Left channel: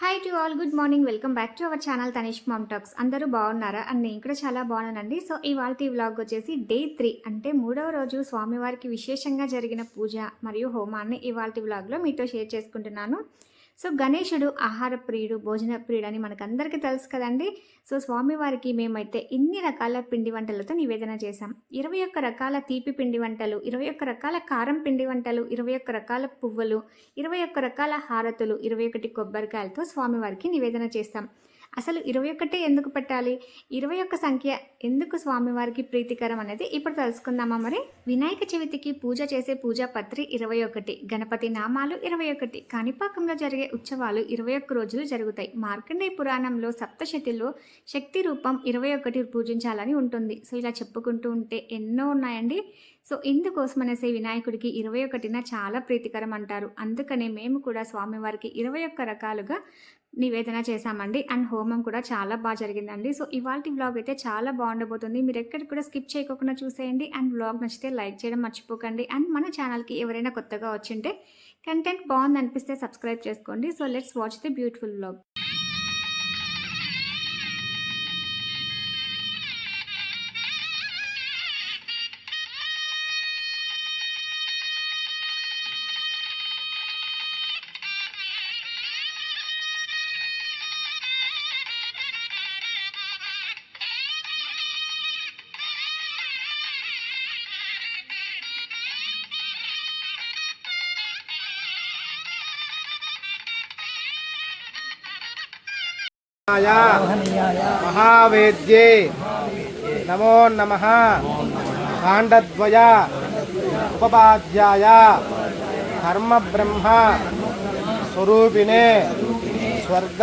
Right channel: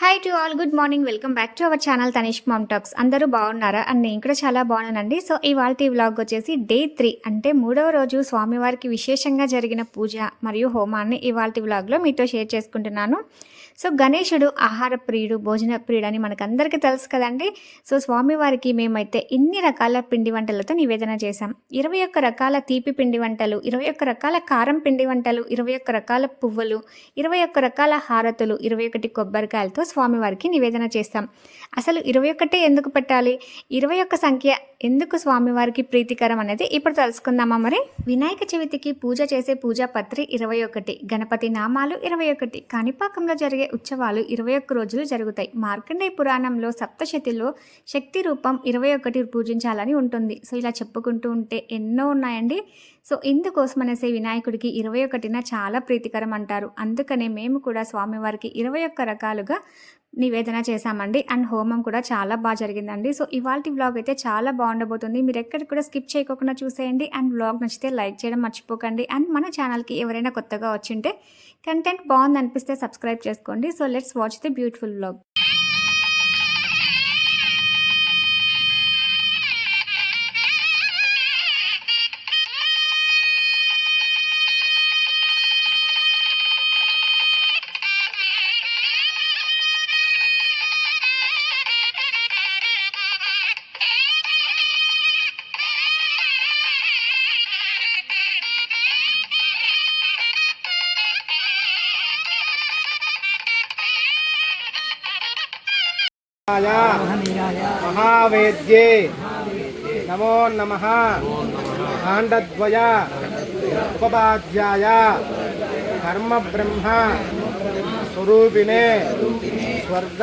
Hi to all good morning welcome back to our channel Tanish mom talks అందరూ బాగున్నారా? And నేను కూడా చాలా బాగున్నానండి. సో ఇవాళ ఈ వ్లాగ్ వచ్చేసి డే త్రీ అంటే మూడవ రోజు స్వామివారికి విశేషంగా జరిగిన పూజ మరియు హోమాన్ని ఇవాళ వ్లాగ్లో మీతో షేర్ చేసుకుంటున్నాను. సో గణేశుడు ఆహార ప్రియుడు భోజన ప్రియుడు అని మనకందరికీ తెలుసు కదండి. సో స్వామివారికి మేమైతే ఇన్ని రకాల పిండి వంటలతో నివేదన చేశాం. ఇరవై ఒక్క రకాల తీపి పిండి వంటలు ఇరవై ఒక్క రకాల కారం పిండి వంటలు ఇరవై ఒక్క రకాల పువ్వులు ఇరవై ఒక్క రకాల హారతులు ఇరవై ఒకటి కొబ్బరికాయలతో స్వామివారికి నివేదన చేస్తాం. అసలు ఇరవై ఒక్కటే ఎందుకు పెట్టాలి? ఇరవై ఒక్క సంఖ్య ఎందుకు స్వామివారికి ప్రీతికరం అనేది ఇప్పుడు తెలుసుకుందామా మరి? వినాయక చవితికి పూజ చేసే పూజా పత్రి ఇరవై ఒకటి గణపతి నామాలు ఇరవై ఒకటి. కాణిపాకంలో జరిగే ఉత్సవాలు ఇరవై ఒక్క రోజులు జరుగుతాయి. మార్కండేయ పురాణంలో సప్తశతిలో శక్తి రూపం ఇరవై ఒకటి పూజించాలని ఉంటుంది. సో ఇలా చెప్పుకుంటూ ఉంటే ఎన్నో ఉన్నాయండి. సో ఇందుకోసం అనేసి వినాయకుడికి ఇరవై ఒకటిన చాలా ప్రీతికరం అంటారు. అందుకనే మేము కూడా స్వామివారికి ఇరవై ఒక్క రకాలుగా నివేదన చేశామండి. అండ్ హోమం కూడా చాలా బాగా జరిగిందండి. సో ఇవాళ వ్లాగ్ అయితే చాలా బాగుండబోతుంది. మీరు ఎక్కడ కూడా స్కిప్ చేయకుండా చూసేయండి. అండ్ వ్లాగ్ నచ్చితే లైక్ చేయడం మర్చిపోకండి. అండ్ మన ఛానల్కి ఎవరైనా కొత్తగా వచ్చింటే కంటెంట్ బాగుంది అనిపిస్తే సబ్స్క్రైబ్ చేసుకోండి. So let's watch the beautiful vlog. महावेद्ये नमो नमः काण्डद्वया उपपाद्याय धर्मब्रह्म स्वरूपिणे स्वर्ग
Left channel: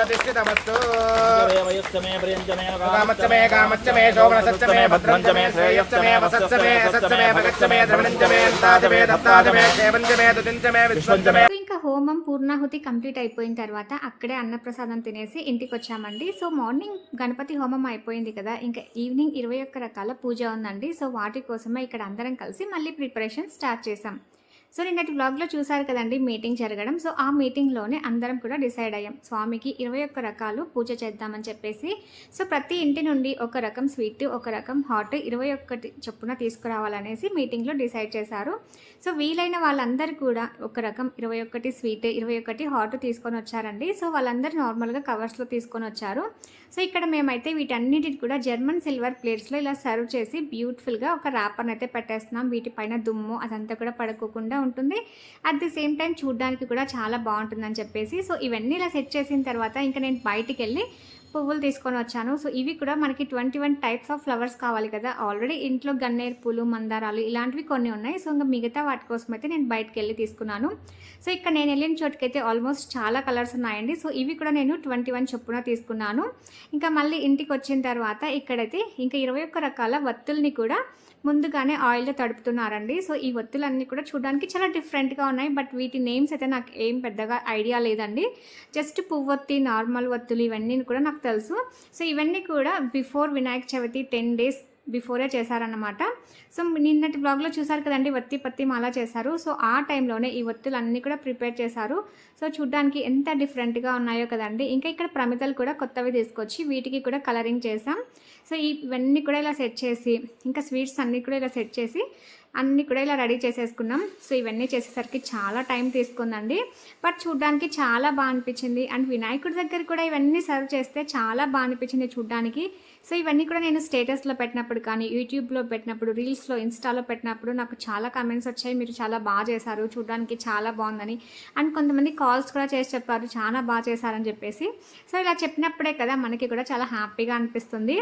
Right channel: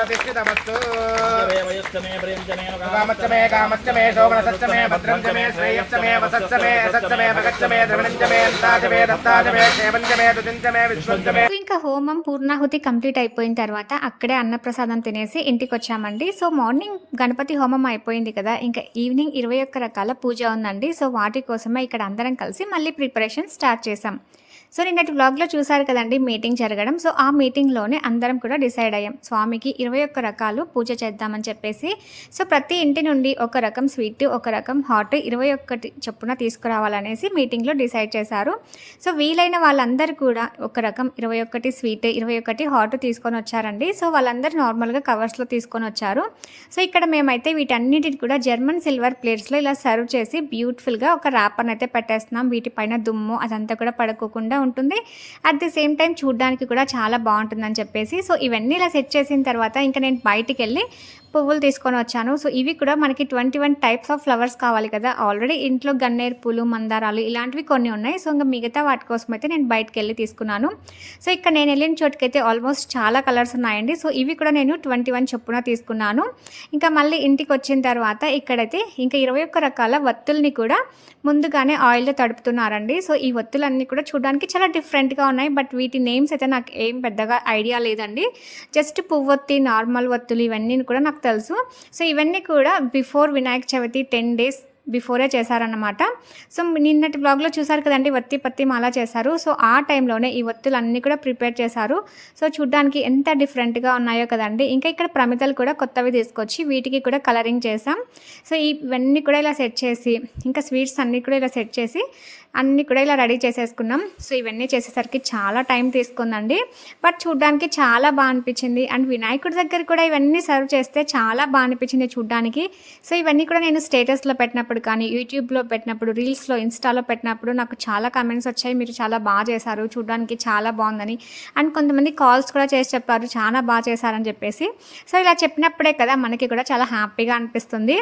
प्रतिष्ठितमस्तु वयस्तमे प्रियञ्चमे कामच्च मे कामच्च मे शोभनसच्च मे भद्रञ्च मे श्रेयश्च मे वसच्च मे असच्च मे भगच्च मे द्रविणञ्च मे अन्ताच मे दत्ताच मे क्षेमञ्च मे तुतिञ्च मे विश्वञ्च मे సో ఇంకా హోమం పూర్ణాహుతి కంప్లీట్ అయిపోయిన తర్వాత అక్కడే అన్నప్రసాదం తినేసి ఇంటికి వచ్చామండి సో మార్నింగ్ గణపతి హోమం అయిపోయింది కదా ఇంకా ఈవినింగ్ ఇరవై ఒక్క రకాల పూజ ఉందండి సో వాటి కోసమే ఇక్కడ అందరం కలిసి మళ్ళీ ప్రిపరేషన్ స్టార్ట్ చేసాం సో నిన్నటి వ్లాగ్లో చూసారు కదండి మీటింగ్ జరగడం. సో ఆ మీటింగ్లోనే అందరం కూడా డిసైడ్ అయ్యాం. స్వామికి ఇరవై ఒక్క రకాలు పూజ చేద్దామని చెప్పేసి సో ప్రతి ఇంటి నుండి ఒక రకం స్వీట్ ఒక రకం హాట్ ఇరవై ఒక్కటి చొప్పున తీసుకురావాలనేసి మీటింగ్లో డిసైడ్ చేశారు. సో వీలైన వాళ్ళందరూ కూడా ఒక రకం ఇరవై ఒకటి స్వీట్ ఇరవై ఒకటి హాట్ తీసుకొని వచ్చారండి. సో వాళ్ళందరూ నార్మల్గా కవర్స్లో తీసుకొని వచ్చారు. సో ఇక్కడ మేమైతే వీటన్నిటిని కూడా జర్మన్ సిల్వర్ ప్లేట్స్లో ఇలా సర్వ్ చేసి బ్యూటిఫుల్గా ఒక ర్యాపర్ని అయితే పెట్టేస్తున్నాం. వీటిపైన దుమ్ము అదంతా కూడా పడుకోకుండా ఉంటుంది. అట్ ది సేమ్ టైం చూడడానికి కూడా చాలా బాగుంటుందని చెప్పేసి సో ఇవన్నీ ఇలా సెట్ చేసిన తర్వాత ఇంకా నేను బయటికి వెళ్ళి పువ్వులు తీసుకొని వచ్చాను. సో ఇవి కూడా మనకి twenty one types of flowers కావాలి కదా. ఆల్రెడీ ఇంట్లో గన్నేరు పూలు మందారాలు ఇలాంటివి కొన్ని ఉన్నాయి. సో ఇంకా మిగతా వాటి కోసం అయితే నేను బయటకు వెళ్ళి తీసుకున్నాను. సో ఇక్కడ నేను వెళ్ళిన చోటుకైతే ఆల్మోస్ట్ చాలా కలర్స్ ఉన్నాయండి. సో ఇవి కూడా నేను ట్వంటీ వన్ చొప్పున తీసుకున్నాను. ఇంకా మళ్ళీ ఇంటికి వచ్చిన తర్వాత ఇక్కడైతే ఇంకా ఇరవై ఒక్క రకాల వత్తుల్ని కూడా ముందుగానే ఆయిల్లో తడుపుతున్నారండి. సో ఈ ఒత్తులన్నీ కూడా చూడడానికి చాలా డిఫరెంట్గా ఉన్నాయి. బట్ వీటి నేమ్స్ అయితే నాకు ఏం పెద్దగా ఐడియా లేదండి. జస్ట్ పువ్వొత్తి నార్మల్ వత్తులు ఇవన్నీ కూడా నాకు తెలుసు. సో ఇవన్నీ కూడా before Vinayaka Chavithi ten days before చేశారన్నమాట. సో నిన్నటి బ్లాగ్లో చూసారు కదండి వత్తి పత్తి మాల చేశారు. సో ఆ టైంలోనే ఈ వత్తులు అన్నీ కూడా ప్రిపేర్ చేశారు. సో చూడ్డానికి ఎంత డిఫరెంట్గా ఉన్నాయో కదండి. ఇంకా ఇక్కడ ప్రమితలు కూడా కొత్తవి తీసుకొచ్చి వీటికి కూడా కలరింగ్ చేసాం సో ఇవన్నీ కూడా ఇలా సెట్ చేసి ఇంకా స్వీట్స్ అన్నీ కూడా ఇలా సెట్ చేసి అన్నీ కూడా ఇలా రెడీ చేసేసుకున్నాం. సో ఇవన్నీ చేసేసరికి చాలా టైం తీసుకుందండి. బట్ చూడ్డానికి చాలా బాగా అనిపించింది. అండ్ వినాయకుడి దగ్గర కూడా ఇవన్నీ సర్వ్ చేస్తే చాలా బాగా అనిపించింది చూడ్డానికి. సో ఇవన్నీ కూడా నేను స్టేటస్లో పెట్టినప్పుడు కానీ యూట్యూబ్లో పెట్టినప్పుడు రీల్స్లో ఇన్స్టాలో పెట్టినప్పుడు నాకు చాలా కమెంట్స్ వచ్చాయి. మీరు చాలా బాగా చేశారు. చూడ్డానికి చాలా బాగుందని. అండ్ కొంతమంది కాల్స్ కూడా చేసి చెప్పారు. చాలా బాగా చేశారని చెప్పేసి. సో ఇలా చెప్పినప్పుడే కదా మనకి కూడా చాలా హ్యాపీగా అనిపిస్తుంది.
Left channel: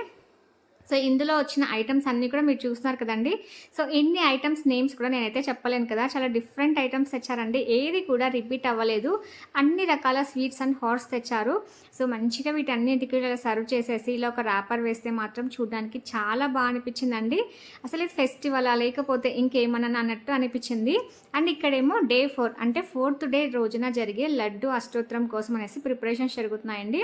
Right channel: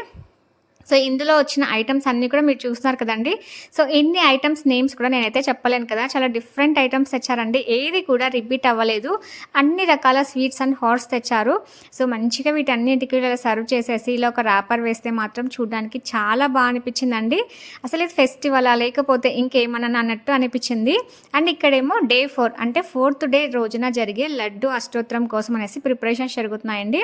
సో ఇందులో వచ్చిన ఐటమ్స్ అన్నీ కూడా మీరు చూస్తున్నారు కదండి. సో ఇన్ని ఐటమ్స్ నేమ్స్ కూడా నేనైతే చెప్పలేను కదా. చాలా డిఫరెంట్ ఐటమ్స్ తెచ్చారండి. ఏది కూడా రిపీట్ అవ్వలేదు. అన్ని రకాల స్వీట్స్ అండ్ హాట్స్ తెచ్చారు. సో మంచిగా వీటన్నిటికీ ఇలా సర్వ్ చేసేసి ఇలా ఒక ర్యాపర్ వేస్తే మాత్రం చూడడానికి చాలా బాగా అనిపించిందండి. అసలు ఇది ఫెస్టివలా లేకపోతే ఇంకేమన్నా అన్నట్టు అనిపించింది. అండ్ ఇక్కడేమో డే ఫోర్ అంటే ఫోర్త్ డే రోజున జరిగే లడ్డు అష్టోత్తరం కోసం అనేసి ప్రిపరేషన్స్ జరుగుతున్నాయండి.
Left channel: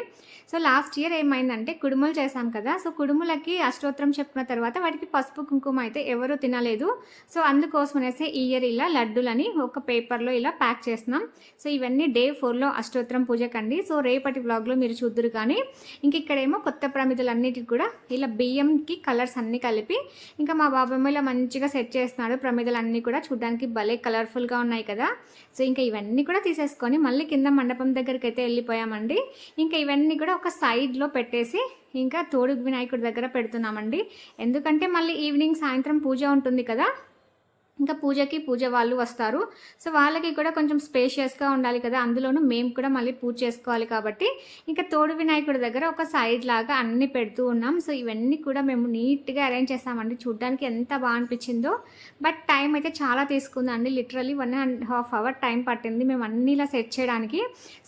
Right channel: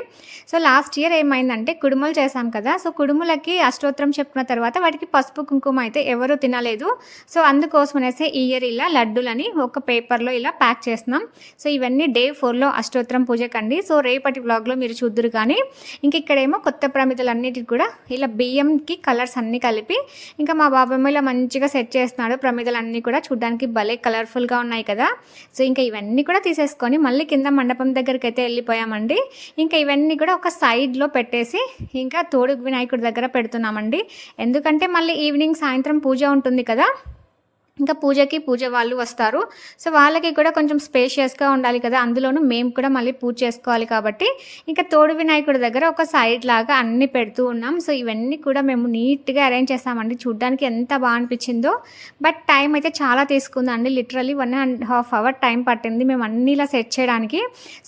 సో లాస్ట్ ఇయర్ ఏమైందంటే కుడుములు చేశాం కదా. సో కుడుములకి అష్టోత్తరం చెప్పుకున్న తర్వాత వాటికి పసుపు కుంకుమ అయితే ఎవరు తినలేదు. సో అందుకోసం అనేసి ఈ ఇయర్ ఇలా లడ్డులని ఒక పేపర్లో ఇలా ప్యాక్ చేస్తున్నాం. సో ఇవన్నీ డే ఫోర్లో అష్టోత్తరం పూజకండి సో రేపటి బ్లాగ్లో మీరు చూద్దరు కానీ ఇంక ఇక్కడేమో కొత్త ప్రమిదలన్నిటికి కూడా ఇలా బియ్యంకి కలర్స్ అన్నీ కలిపి ఇంకా మా బాబాయ్ ఇలా మంచిగా సెట్ చేస్తున్నాడు ప్రమిదలన్నీ కూడా చూడడానికి భలే కలర్ఫుల్గా ఉన్నాయి కదా. సో ఇంకా ఇవన్నీ కూడా తీసేసుకొని మళ్ళీ కింద మండపం దగ్గరికి అయితే వెళ్ళిపోయామండి. ఇంకా ఇవన్నీ కూడా ఒక సైడ్లో పెట్టేసి ఇంకా తోడుగు వినాయకుడి దగ్గర పెడుతున్నామండి. ఎందుకంటే మళ్ళీ ఈవినింగ్ సాయంత్రం పూజ ఉంటుంది కదా? ఇంకా పూజకి పూజ వాళ్ళు వస్తారు. సో వాళ్ళకి కూడా కొంచెం స్పేషియస్గా ఉండాలి కదా. అందులోనూ మేము కూడా మళ్ళీ పూజ చేసుకోవాలి కాబట్టి. ఇంకా తోడు వినాయకుడి దగ్గర ఒక సైడ్ లాగా అన్నీ పెడుతూ ఉన్నాం. సో ఇవన్నీ కూడా మేము నీట్గా అరేంజ్ చేస్తామండి. చూడ్డానికి ఎంత బాగా అనిపించిందో. బట్ టైం అయితే చాలా తీసుకుందండి. Literally one and half hour time పట్టింది మేము అన్నీ ఇలా సెట్ చేయడానికి.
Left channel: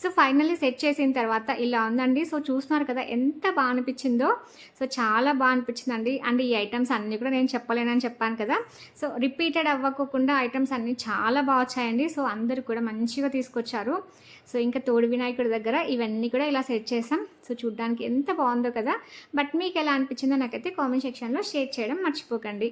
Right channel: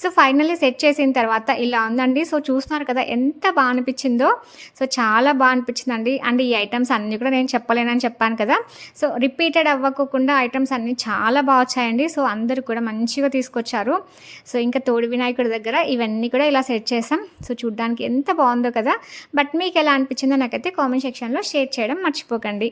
సో ఫైనల్లీ సెట్ చేసిన తర్వాత ఇలా ఉందండి. సో చూస్తున్నారు కదా ఎంత బాగా అనిపించిందో. సో చాలా బాగా అనిపించిందండి. అండ్ ఈ ఐటమ్స్ అన్నీ కూడా నేను చెప్పలేనని చెప్పాను కదా. సో రిపీటెడ్ అవ్వకోకుండా ఐటమ్స్ అన్నీ చాలా బాగా వచ్చాయండి. సో అందరూ కూడా మంచిగా తీసుకొచ్చారు. సో ఇంకా తోడు వినాయకుడి దగ్గర ఇవన్నీ కూడా ఇలా సెట్ చేసాం సో చూడ్డానికి ఎంత బాగుందో కదా. బట్ మీకు ఎలా అనిపించిందో నాకైతే కామెంట్ సెక్షన్లో షేర్ చేయడం మర్చిపోకండి.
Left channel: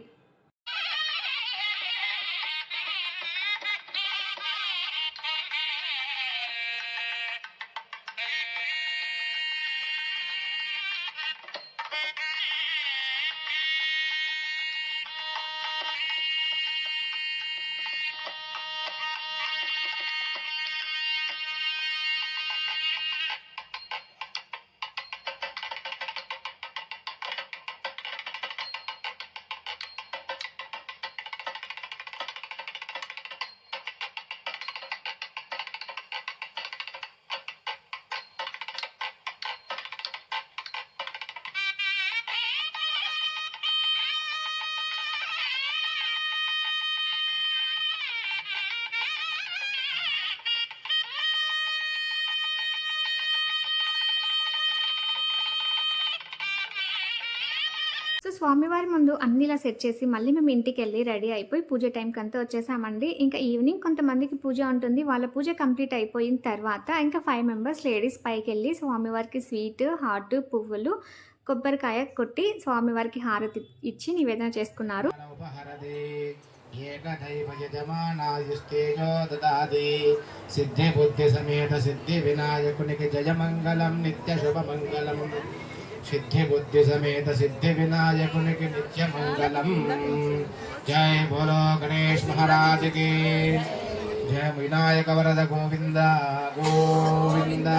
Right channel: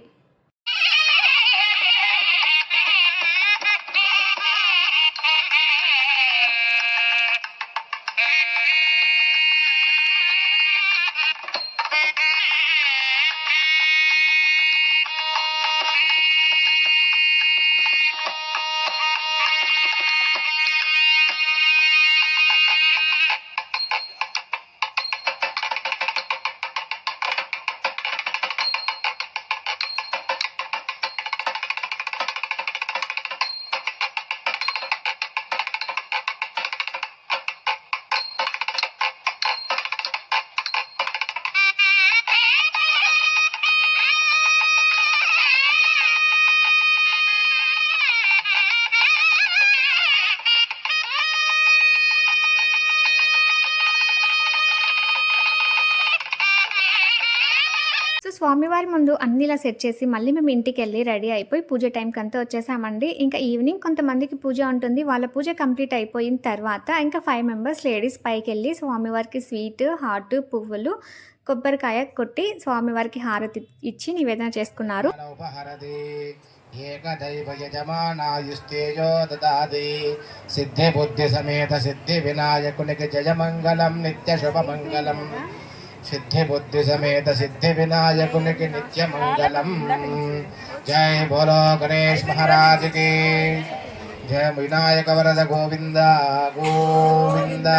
సో స్వామివారి ముందు అన్ని ఇలా సెట్ చేసి మళ్ళీ మేము ఇంటికి వెళ్ళి రెడీ అయిపోయి పూజ టైంకి అంతా వచ్చేసామండి. ఇంకా ఈవినింగ్ కొంతమందికి పూజ ఉంటుంది. వాళ్ళ పూజ కంప్లీట్ అయిపోయిన తర్వాత ఇంకా ఫైవ్ మెంబర్స్ లేడీస్ పైకి వెళ్ళి స్వామివారికి స్వీట్ హాట్ పువ్వులు కొబ్బరికాయ కొట్టి స్వామివారికి హారతి ఇచ్చి నివేదన చేసుకున్నారు. ఏకదైవ యజమానాయుస్తేజో దాది సిద్ధి బుద్ధి సమేత సిద్ధి వినాయకునికి జయమంగళం నిత్య శుభమంగళం. సిద్ధి బుద్ధి సమేత సిద్ధి వినాయకునికి నిత్య మంగళం జై బోలో గణేష్ మహారాజుకి జయ వినాయక వరద గోవింద గోవింద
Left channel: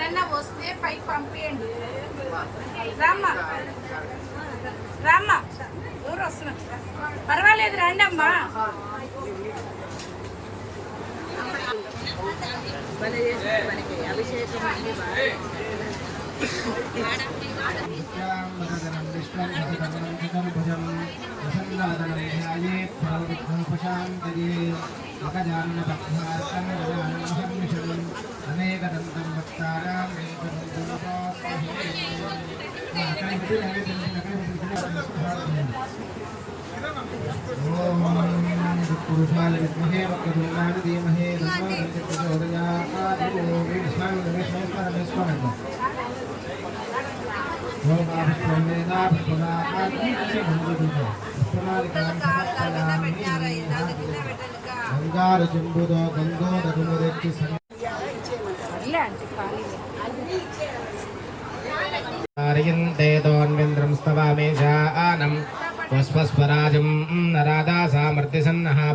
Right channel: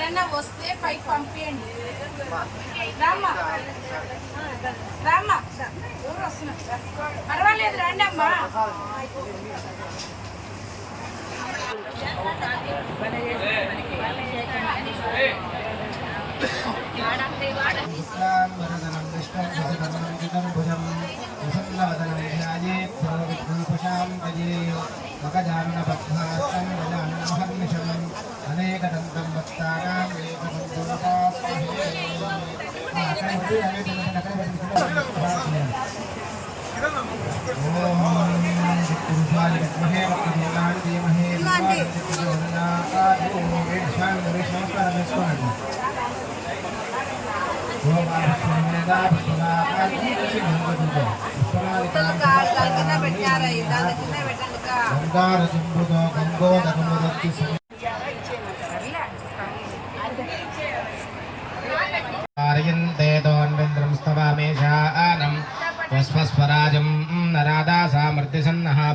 ఎవరన్నా వస్తే పైకి పంపించండి రామ్మా. రామ్మా. ఊరు వస్తున్నా పర్వాలేదు రండి అమ్మా. విశ్వాంబరధరం తయే మకజాన్నపద్మార్కం గజానమహర్నిశం అనేకదంతం భక్తానాం ఏకదంతోపాస్మహే ఓం పురుషాయ విద్మహే వక్రతూర్ణాయ ధీమహి దుర్గాయ ప్రచోదయాత్ ఓం విష్ణు విష్ణు పరమేశ్వరన్ గంగారు చెంబుదో గంగోదరులు రెత్తి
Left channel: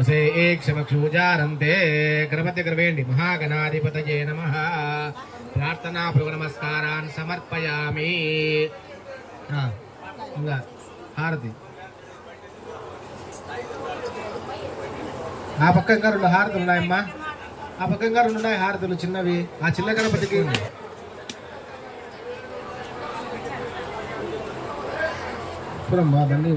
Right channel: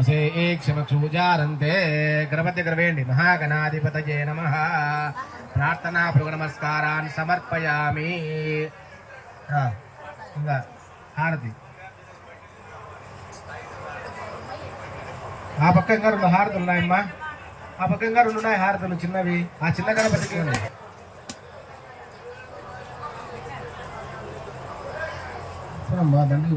ఉసే ఏక్షమక్షూచారంతే గ్రవతి గ్రవేణి మహాగణాధిపతయే నమ. ప్రార్థనా భృగ నమస్కారాన్ సమర్పయామి ఇంకా హారతి. ఆ పక్క ఇంకా రెండు హారతులు ఉన్నాయమ్మా. ఆ పక్క రెండు ఉన్నాయి హారతులు చిన్నవి. ఆ చిన్న గణపతికి ఉన్నాయి బండికి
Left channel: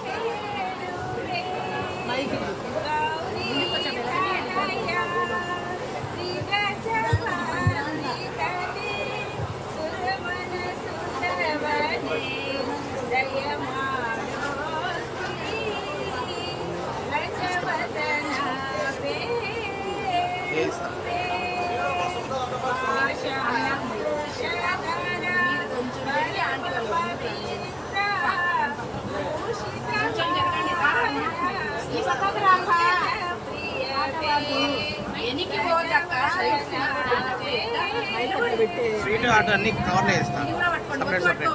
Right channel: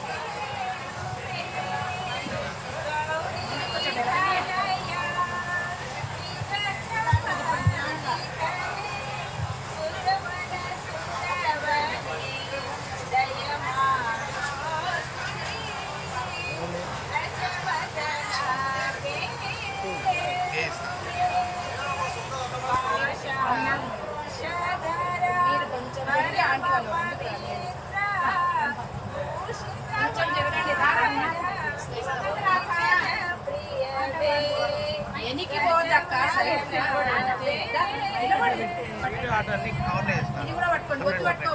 ఎనికి పోదక్క ఇది కూడా పట్టుకోండి ఒత్తి పట్టుకో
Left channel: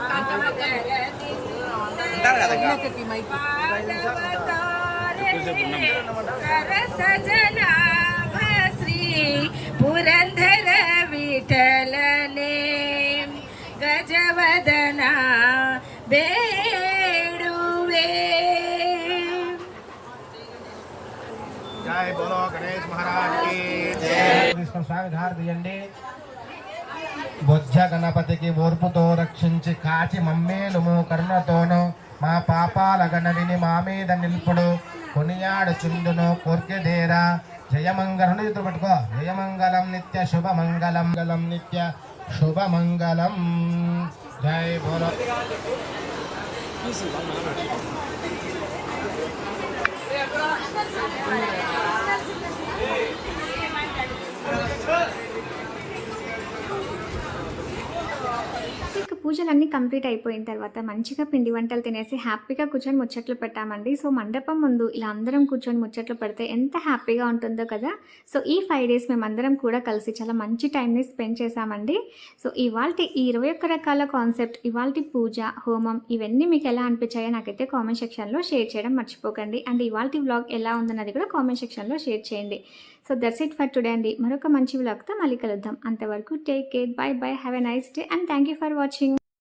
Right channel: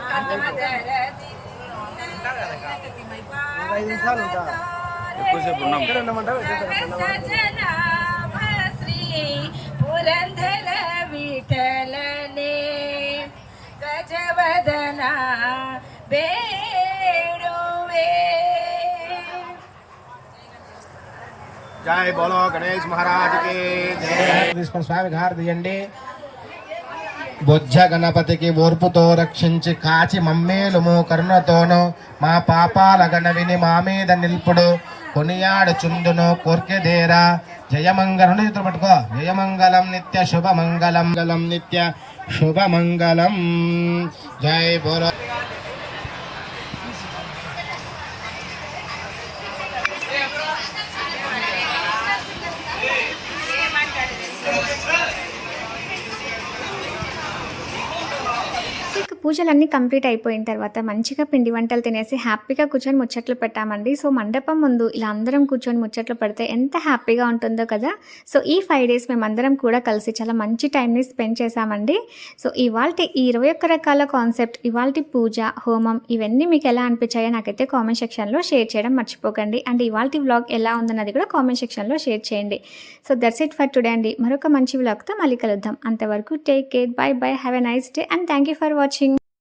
శ్రీ పురంధర విఠలనే గజవదన బేడువే జై బోలో గణేష్ మహారాజ్కి స్వామి తీసుకొని బొజ్జ గణపతికి ఓర్పుతో రక్షించి కాచి మమ్మేలుము కరుణతోను మా పాపాల గణవిని మా మీద నిల్పుడు। కొనియాడు చుందును కోర్కెదేరా జయమంగళం చేతులు పట్టుకో। జయమంగళం నిత్య శుభమంగళం। గలం నిత్య శుభమంగళం। జై బోలో పూజలన్నీ కంప్లీట్ అయిపోయిన తర్వాత మంచిగా పిండి వంటలు తినేసి హ్యాపీగా కూర్చొని ముచ్చట్లు పెట్టామండి. సో మండపం ముందు ఇలా అందరం కూర్చొని ముచ్చట్లు పెడితే ఎంత హ్యాపీగా ఉంటుందో కదా? సో ఈ ఫైవ్ డేస్ మేమందరం కూడా కలిసి చాలా మంచి టైంని స్పెండ్ చేశామండి. సో ఇవాళ ఈ ఇరవై ఒక్క రకాల కాన్సెప్ట్ ఇవాళ పూజ హోమం ఇవన్నీ మీకు ఎలా అనిపించాయో నాకైతే కామెంట్ సెక్షన్లో షేర్ చేయడం మర్చిపోకండి. అండ్ ఇవాళ వ్లాగ్ ఎలా ఉందన్నది కూడా కామెంట్ సెక్షన్లో షేర్ చేయండి. So that's it for today అండి. మరొక మంచి వ్లాగ్తో మళ్ళీ కలుద్దాం. అంతవరకు take care bye bye have a nice day and thank you for watching.